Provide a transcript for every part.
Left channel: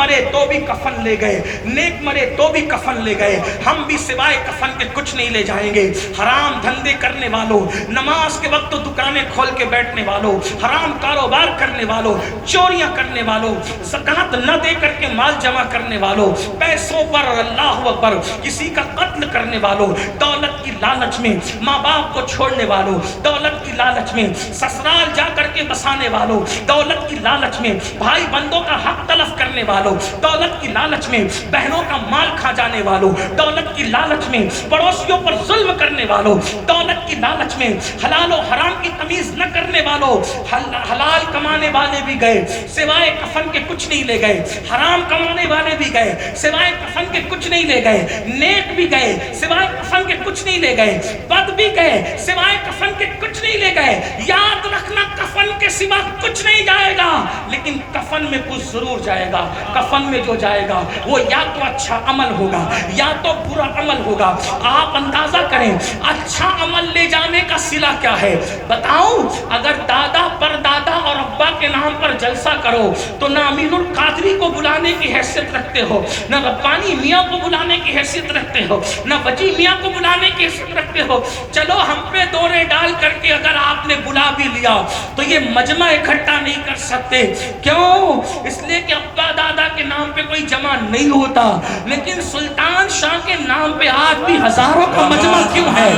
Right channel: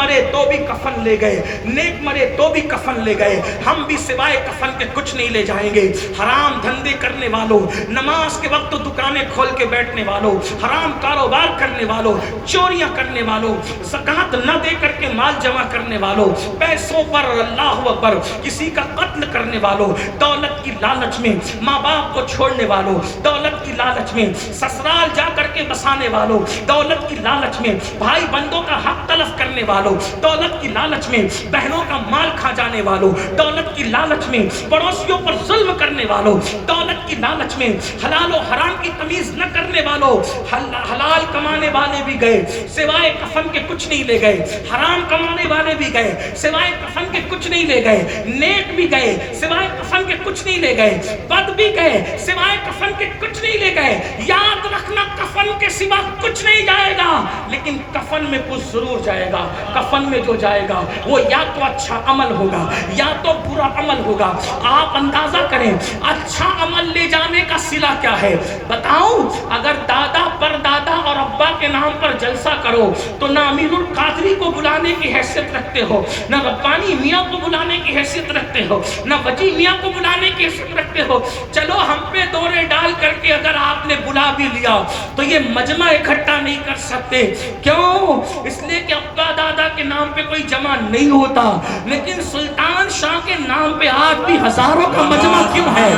مرے تو بھی کفن لے گئے, نیک مرے تو بھی کفن لے گئے, ہم بھی سوائے کفن کے کچھ نہیں لے جائیں گے. حرام دھندے کرنے والوں, نماز کے وقت دکانیں کھول کے بیٹھنے والوں, حرام کاروبار کرنے والوں, چوریاں کرنے والوں, زکوٰۃ نہ دے کر کے مال جمع کرنے والوں, پیسوں پر اللہ اکبر کسی کا قتل کرنے والوں, دولت کی لالچ میں ماں باپ کو چھوڑنے والوں, دولت کی لالچ میں سسرال جا کر کے بسانے والوں, دولت کی لالچ میں بھائی بندوں کا حق تلف کرنے والوں, دولت کی لالچ میں بہنوں کا مال کھا جانے والوں, دولت کی لالچ میں پڑوسیوں پر ظلم کرنے والوں, دولت کی لالچ میں حلال و حرام کی تمیز نہ کرنے والوں. حلال کمانے والے بھی گئے, سوائے کفن کے کچھ نہیں لے گئے. حرام کمانے والے بھی گئے, سوائے کفن کے کچھ نہیں لے گئے. نیک بھی گئے, سوائے کفن کے کچھ نہیں لے گئے. بد بھی گئے, سوائے کفن کے کچھ نہیں لے گئے. یاد رکھنا کفن کے سوا کچھ نہیں جائے گا, لیکن کفن میں کچھ ضرور جائے گا. کفن میں جو جائے گا وہ یا تو اچھا عمل ہوگا یا تو برا عمل ہوگا. آپ اندازہ کریں اچھا عمل لے جانے کا صلہ کیا ہے. بتاؤں, اگر دادا پر دادا اور ابا کے نام پر جلسہ کرو تو نہ امین القادری کو بلانے کی حیثیت رکھتے ہو, نہ ربانی میاں کو بلانے کی حیثیت رکھتے ہو, نہ وجی میاں کو بلانے کی حیثیت رکھتے ہو. چلو ہم پہ دورے ڈال کر کے اگر آپ نے بلا بھی لیا تو یہ مجمع اکٹھا نہیں کر سکتے. کیوں؟ اس لیے کہ ابا دادا کے نام پہ کوئی جمع نہیں ہوتا, لیکن سلطان شاہ کے نام پہ آج بھی ہزاروں کا مجمع کیوں ہے.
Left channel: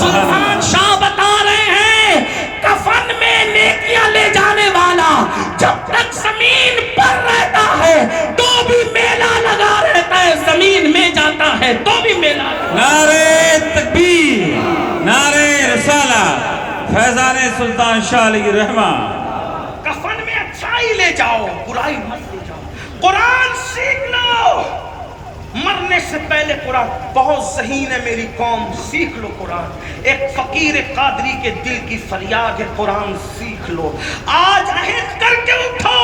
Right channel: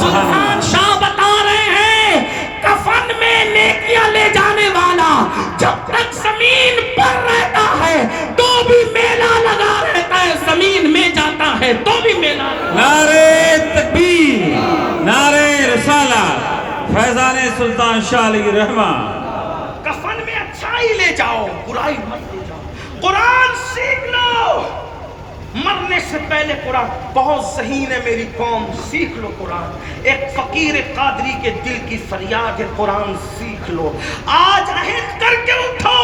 سلطان شاہ بتا رہے ہیں کفن میں نیکیاں لے جانے والا جب تک زمین پر رہتا ہے تو بھی میلہ لگا رہتا ہے, زمین میں جاتا ہے تو بھی میلہ. نعرہ تکبیر, نعرہ رسالت, فیضان سلطان شاہ علیہ رحمہ. کفن میں اچھائی لے جاؤ, برائی مت لے جاؤ. قرآن سیکھ لو, مرنے سے پہلے قرآن. بہت ذہین ہے میری قوم, سیکھ لو قرآن. ایک فقیر قادری کے دل کی فریاد ہے, قرآن سیکھ لو. آج عہد کر کے اٹھو,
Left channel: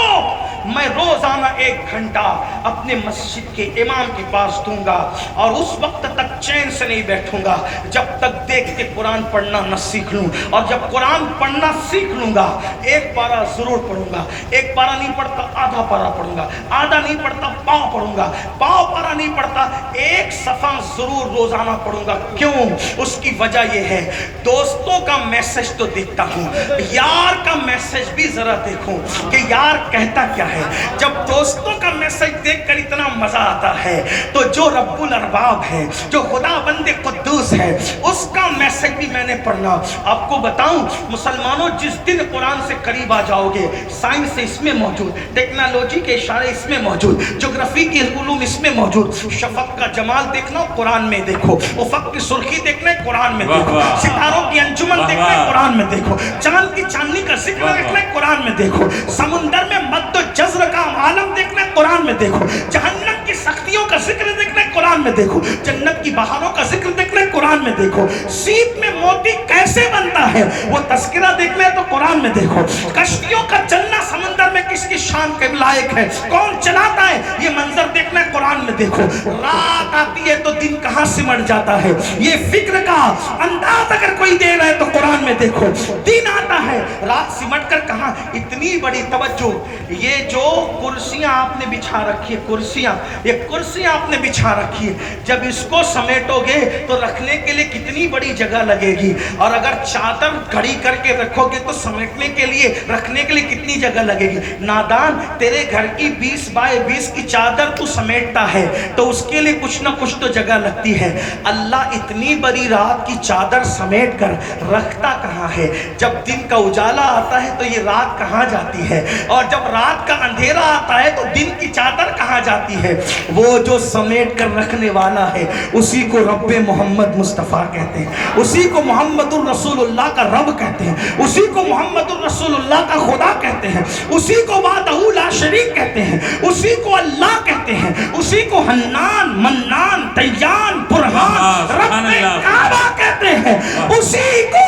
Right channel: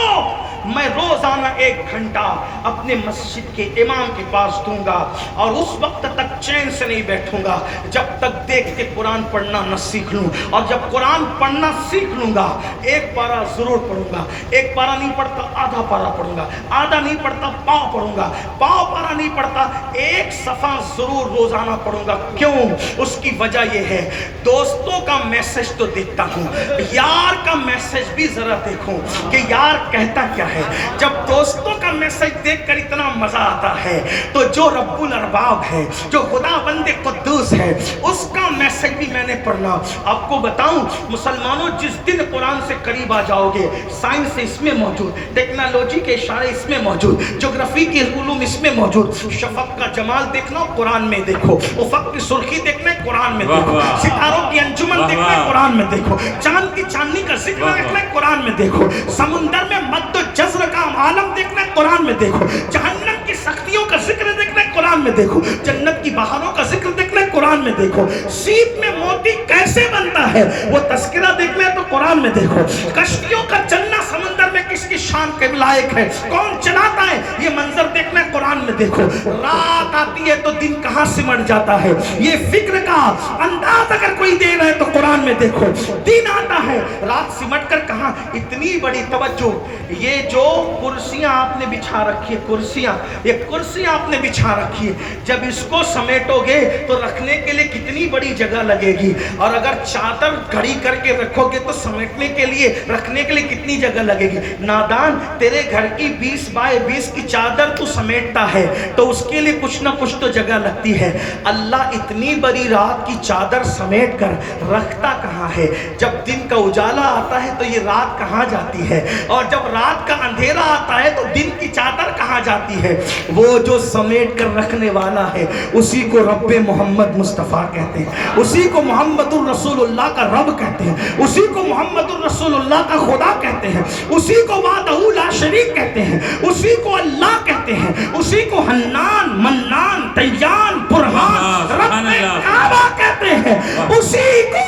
میں روزانہ 1 گھنٹہ اپنے مسجد کے امام کے پاس دوں گا اور اس وقت تک چین سے نہیں بیٹھوں گا جب تک دیکھ کے قرآن پڑھنا نہ سیکھ لوں. اور جب قرآن پڑھنا سیکھ لوں گا 1 پارہ ضرور پڑھوں گا. 1 پارہ نہیں پڑھتا آدھا پارہ پڑھوں گا, آدھا نہیں پڑھتا پاؤں پڑھوں گا, پاؤں پارہ نہیں پڑھتا 1 صفحہ ضرور روزانہ پڑھوں گا. کیوں؟ اس کی وجہ یہ ہے, دوستوں کا میسج تو دیکھتا ہوں, یار کا میسج بھی ذرا دیکھوں کہ یار کہتا کیا ہے. جب دوستوں کا میسج دیکھ کر اتنا مزہ آتا ہے تو جو رب الارباب ہے, جو خدا بند قدوس ہے, اس کا میسج بھی میں نے پڑھنا. آپ کو بتاؤں مسلمانوں, جس دن قرآن سے قریب آ جاؤ گے, سائنس اس میں موجود, ٹیکنالوجی کے اشارے اس میں موجود, جغرافی کے علوم اس میں موجود. شفق کا جمال دیکھنا قرآن میں دیکھو, افق کی سرخی دیکھنا قرآن میں دیکھو, ستاروں کی انجمن دیکھنا قرآن میں دیکھو, چاند کی چاندنی کا ذکر دیکھنا قرآن میں دیکھو, سمندر میں مد و جزر کا عالم دیکھنا قرآن میں دیکھو, جہنم کی سختیوں کا ذکر دیکھنا قرآن میں دیکھو, جنت کی بہاروں کا ذکر دیکھنا قرآن میں دیکھو, سیپ میں موتی کیسے بنتا ہے وہ تذکرہ دیکھنا ہے تو قرآن میں دیکھو, کشتیوں کا چلنا سمندر میں کس کی شان کے لائق ہے, کون چلاتا ہے, یہ منظر دیکھنا ہے قرآن میں دیکھو. رات آتی ہے تو دن کہاں سمٹ جاتا ہے, یہ فکر کا انداز اگر کوئی دے رہا ہے تو قرآن میں دیکھو. دن آتا ہے, رات سمٹ کر کہاں. اتنی بڑی توجہ, یہ جو کرسیاں آپ نے بچھا رکھی ہے, کرسیاں, یہ کرسیاں آپ نے بچھا رکھی ہے, جب اس کو سمیٹو گے تو رکھنے کے لیے کتنی بڑی جگہ لگے گی, اور اگر چادر کھڑی کر کے رکھو گے تو سمیٹنے کے لیے, رکھنے کے لیے کتنی جگہ لگے گی. نادان, تیرے گھر کی 20 بائی 20 کی چادر تو سمیٹتا ہے تو اس کے لیے کچھ نہ کچھ تو جگہ لگتی ہے. اللہ اتنی بڑی رات کی چادر سمیٹ کر رکھتا کہاں ہے. جب دن کا اجالا آتا ہے تو یہ رات کہاں جاتی ہے, اور جب رات کا اندھیرا آتا ہے تو دن کی چادر کہاں جاتی ہے. وہ جو سمیٹ کر رکھنے والا ہے اسی کو رب محمد مصطفیٰ کہتے ہیں, اسی کو محمد الرسول اللہ کا رب کہتے ہیں, اسی کو محمد الرسول اللہ کا خدا کہتے ہیں, اسی کو وحدہ لا شریک کہتے ہیں, اسی کو اللہ کہتے ہیں, اسی کو حنان, منان, دیان, برہان, رب کعبہ کہتے ہیں, اسی کو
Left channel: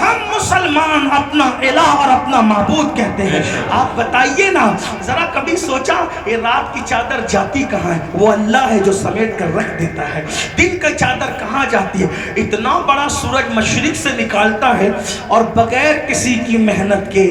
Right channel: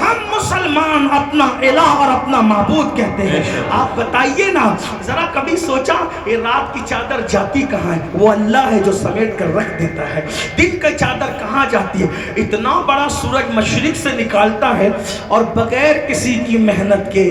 ہم مسلمان اپنا الہ اور اپنا معبود کہتے ہیں. آپ بتائیے نا ذرا, کبھی سوچا یہ رات کی چادر جاتی کہاں ہے؟ وہ اللہ ہے جو سمیٹ کر رکھ دیتا ہے. دن کی چادر کہاں جاتی ہے؟ اتنا بڑا سورج مشرق سے نکالتا ہے اور بغیر کسی کی محنت کے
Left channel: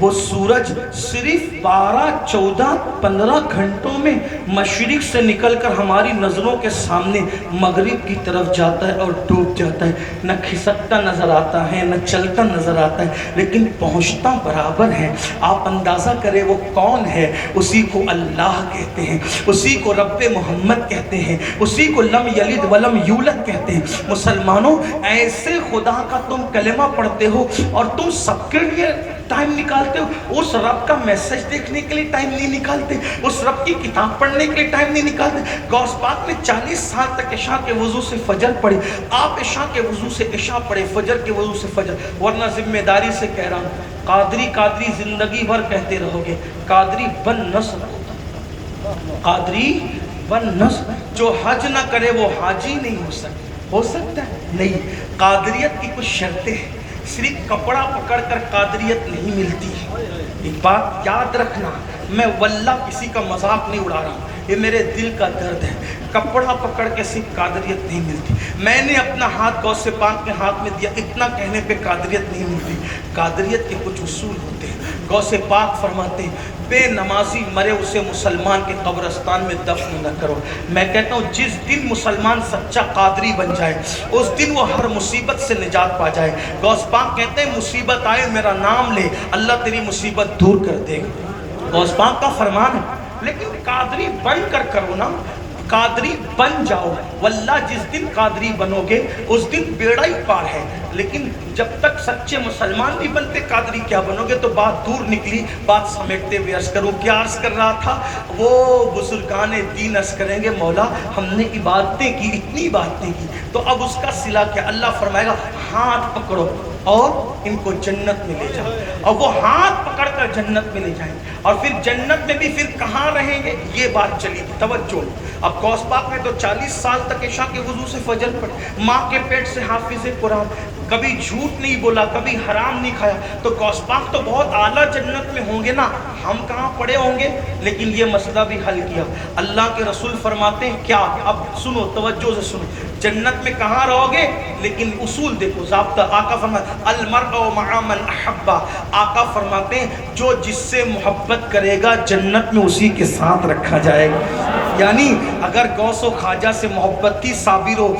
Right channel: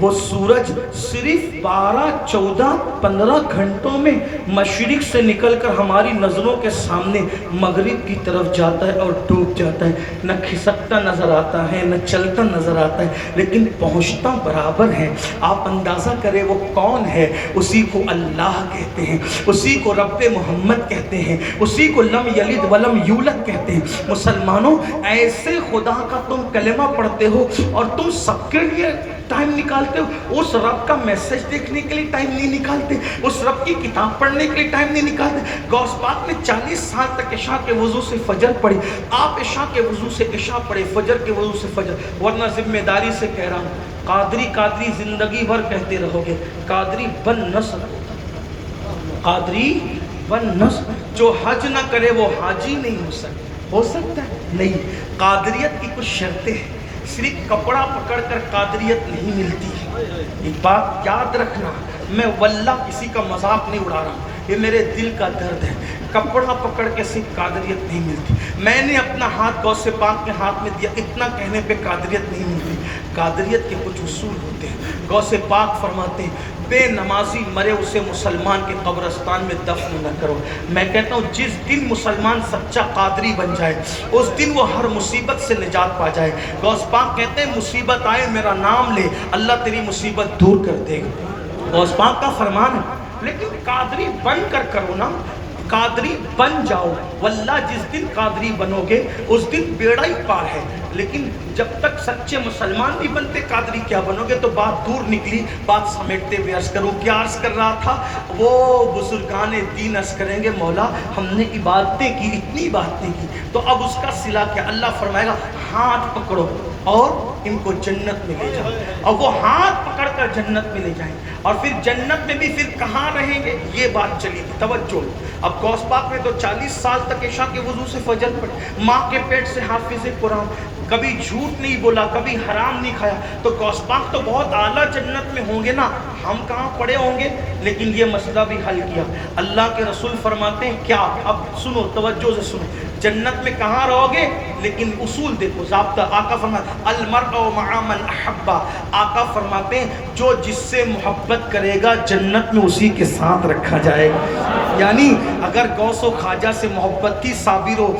وہ سورج صرف 12, 14, 15 گھنٹوں میں مشرق سے نکل کر ہماری نظروں کے سامنے مغرب کی طرف جاتا ہے اور ڈوب جاتا ہے. نہ کھسکتا نظر آتا ہے نہ چلتا نظر آتا ہے, لیکن پہنچتا برابر ہے. آپ اندازہ کریں وہ کون ہے؟ اسی کو اللہ کہتے ہیں, اسی کو رب محمد کہتے ہیں, اسی کو لم یلد ولم یولد کہتے ہیں. مسلمانوں, ایسے خدا کا تم کلمہ پڑھتے ہو اور تم سب کے لیے ٹائم نکالتے ہو, اس رب کا میسج دیکھنے کے لیے ٹائم نہیں نکالتے, اس رب کی کتاب پڑھنے کے لیے ٹائم نہیں نکالتے. غوث پاک نے 40 سال تک عشاء کے وضو سے فجر پڑھی. آپ عشاء کے وضو سے عشاء پڑھے, فجر کے وضو سے فجر. ورنہ ذمہ داری سے کہہ رہا ہوں, قادری قادری زندگی بھر کہتے رہو گے, قادری بن نہ سکو, قادری بن نہ سکو. جو حج نہ کرے وہ حاجی نہیں ہو سکتا ہے نہیں. قادریت کی کچھ شرطیں ہیں, صرف کپڑا پکڑ کر قادریت نہیں ملتی. ایک بات یاد رکھنا, میں واللہ کسی کا مذاق نہیں اڑا رہا, یہ میرے دل کا درد ہے. کپڑا پکڑ کے صرف قادریت نہیں ملتی. میں نے اپنا ہاتھ غوث پاک کے ہاتھ میں دیا, اتنا کہنے پہ قادریت نہیں ملتی. قادریت کے کچھ اصول ہوتے ہیں. غوث پاک فرماتے ہیں, بے نمازی مرے اسے مسلمان کے قبرستان میں دفن نہ کرو. میں کہتا ہوں جس دن مسلمان سچا قادری بن جائے اس دن وہ ہر مصیبت سے نجات پا جائے. غوث پاک کہتے ہیں مصیبت آئے میرا نام لے, اللہ تیری مصیبت دور کر دے گا. غوث پاک کا فرمان ہے. لیکن قادری بن کر کرو نا, قادری بن جاؤ. واللہ جس دن قادری بنو گے اس دن بیڑا ہی پار ہے. لیکن جب تک سچے مسلمان نہیں بنتے قادری کیا بنو گے. تو بات دور نکلی, بات سمیٹتے ہوئے عرض کروں. کیا عرض کر رہا تھا؟ وہ بزرگان دین عرض کریں گے مولا ہم نے عبادتیں کی, اتنی باتیں کی, تو اب اس کا صلہ کیا؟ اللہ فرمائے گا ہاتھ پکڑو اور ان کو جنت میں لے جاؤ. اور وہ ہاتھ پکڑ کر جنت میں لے جائیں گے. اور پھر جنت میں بھی پھر کہاں رہیں گے یہ بات چلی. توجہ. اب غوث پاک نے تو 40 سال تک عشاء کے وضو سے فجر پڑھی, ماں کے پیٹ سے حافظ قرآن, کبھی جھوٹ نہیں بولا, کبھی حرام نہیں کھایا. تو غوث پاک تو بہت اعلیٰ جنت میں ہوں گے نا, ہم کہاں پڑے ہوں گے. لیکن یہ مسئلہ بھی حل کیا. اللہ کے رسول فرماتے ہیں کیا, اب سنو توجہ سے سنو, جنت میں کہاں رہو گے لیکن اصول دیکھو, ضابطہ. آقا فرماتے المرء مع من احب, آقا فرماتے ہیں جو جس سے محبت کرے گا جنت میں اسی کے ساتھ رکھا جائے گا. یعنی اگر غوث و خواجہ سے محبت تھی, صابر و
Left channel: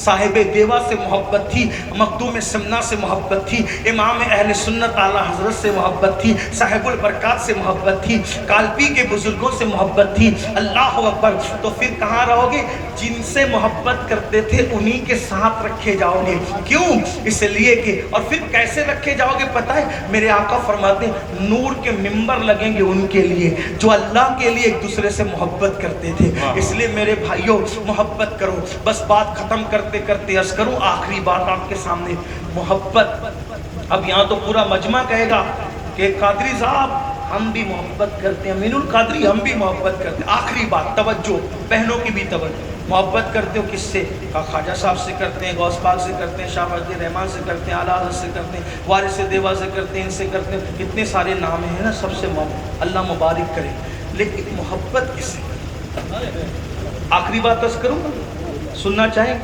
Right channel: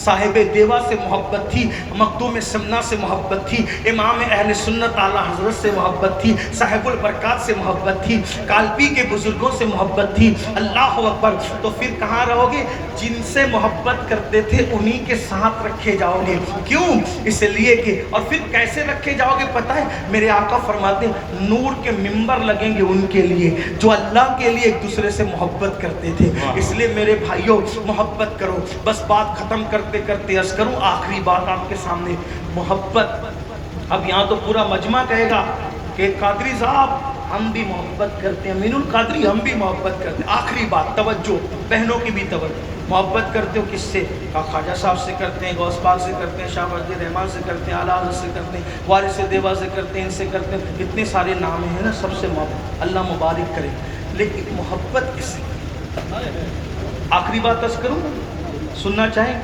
صاحب دیوا سے محبت تھی, مخدوم سمنا سے محبت تھی, امام اہل سنت اعلیٰ حضرت سے محبت تھی, صاحب البرکات سے محبت تھی, کالپی کے بزرگوں سے محبت تھی, اللہ اکبر, تو پھر کہاں رہو گے؟ جن سے محبت کرتے تھے انہی کے ساتھ رکھے جاؤ گے. کیوں؟ اس لیے کہ, اور پھر کیسے رکھے جاؤ گے پتہ ہے؟ میرے آقا فرماتے ہیں نور کے ممبر لگیں گے ان کے لیے جو اللہ کے لیے ایک دوسرے سے محبت کرتے تھے. اس لیے میرے بھائیوں محبت کرو. بس بات ختم کرتے کرتے عرض کروں, آخری بات آپ کے سامنے, محبت. اب یہاں تو پورا مجمع کہے گا کہ قادری صاحب ہم بھی محبت کرتے ہیں, امین القادری ہم بھی محبت کرتے ہیں. آخری بات, توجہ, بہنوں کی بھی توجہ. محبت کرتے ہو کس سے؟ خواجہ صاحب سے کرتے ہیں, غوث پاک سے کرتے ہیں, شاہ ولی رحمان سے کرتے ہیں, اعلیٰ حضرت سے کرتے ہیں, وارث دیوا سے کرتے ہیں, ان سے کرتے ہیں. اتنے سارے نام ہیں نا, سب سے محبت, اللہ مبارک کرے. لیکن محبت کس سے؟ آخری بات عرض کروں, سننا چاہیں؟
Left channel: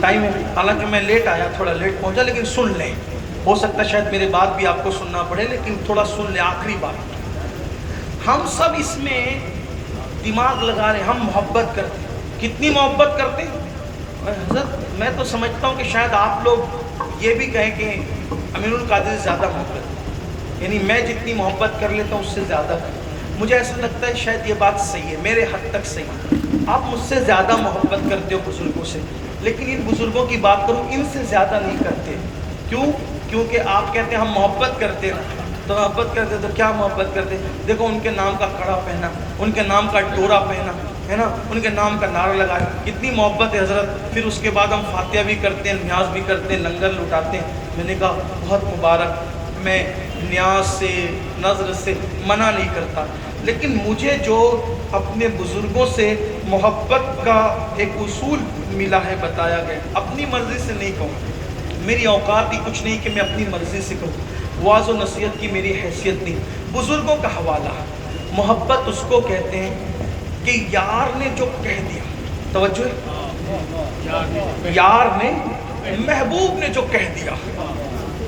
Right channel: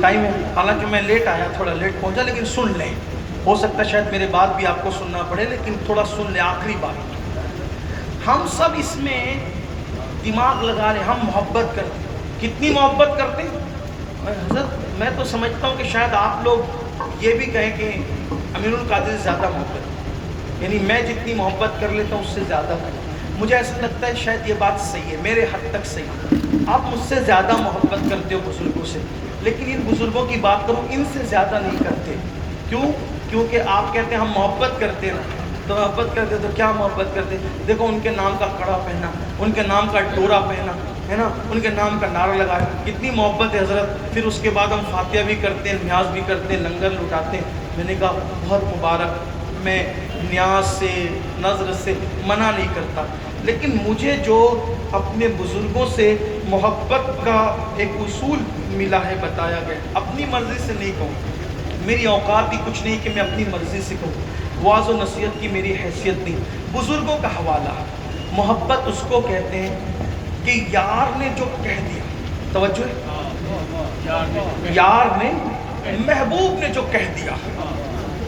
ٹائم ہے, حالانکہ میں لیٹ آیا, تھوڑا لیٹ پہنچا, لیکن سن لیں. ہو سکتا ہے شاید میرے بعد بھی آپ کو سننا پڑے, لیکن تھوڑا سن لیں. آخری بات, ہم سب اس میں دماغ لگا رہے, ہم محبت کرتے ہیں. کتنی محبت کرتے ہیں؟ حضرت میں تو سمجھتا ہوں کہ شاید آپ لوگ یہ بھی کہیں کہ امین القادری سے زیادہ محبت, یعنی میں جتنی محبت کر لیتا ہوں اس سے زیادہ. مجھے ایسا لگتا ہے شاید یہ بات صحیح ہے, میرے حد تک صحیح. آپ مجھ سے زیادہ محبت کرتے ہو بزرگوں سے, لیکن ان بزرگوں کی بات کروں ان سے زیادہ نہیں کرتے. کیوں؟ کیونکہ آپ کہتے ہیں ہم محبت کرتے نا, تو محبت کرتے تو کیا محبت کرتے؟ دیکھو ان کے نام کا کڑا پہنا, ان کے نام کا ڈورا پہنا ہے نا, ان کے نام کا نعرہ لگائے, کتنی محبت ہے حضرت. پھر اس کے بعد ہم فاتحہ بھی کرتے ہیں, نیاز بھی کرتے ہیں, لنگر لٹاتے ہیں. میں نے کہا بہت مبارک, میں نیاز سے نظر سے منع نہیں کرتا, لیکن مجھے جو اپنے بزرگوں سے محبت کا ایک اصول ملا ہے, بتایا گیا, اپنی مرضی سے نہیں کہوں, میری اوقات ہی کچھ نہیں کہ میں اپنی مرضی سے کہوں, واعظ و نصیحت کی میری حیثیت نہیں. بزرگوں کا حوالہ, محبت اس کو کہتے ہیں کہ یار نے جو کہہ دیا, توجہ, یار نے, محبوب نے جو کہہ دیا,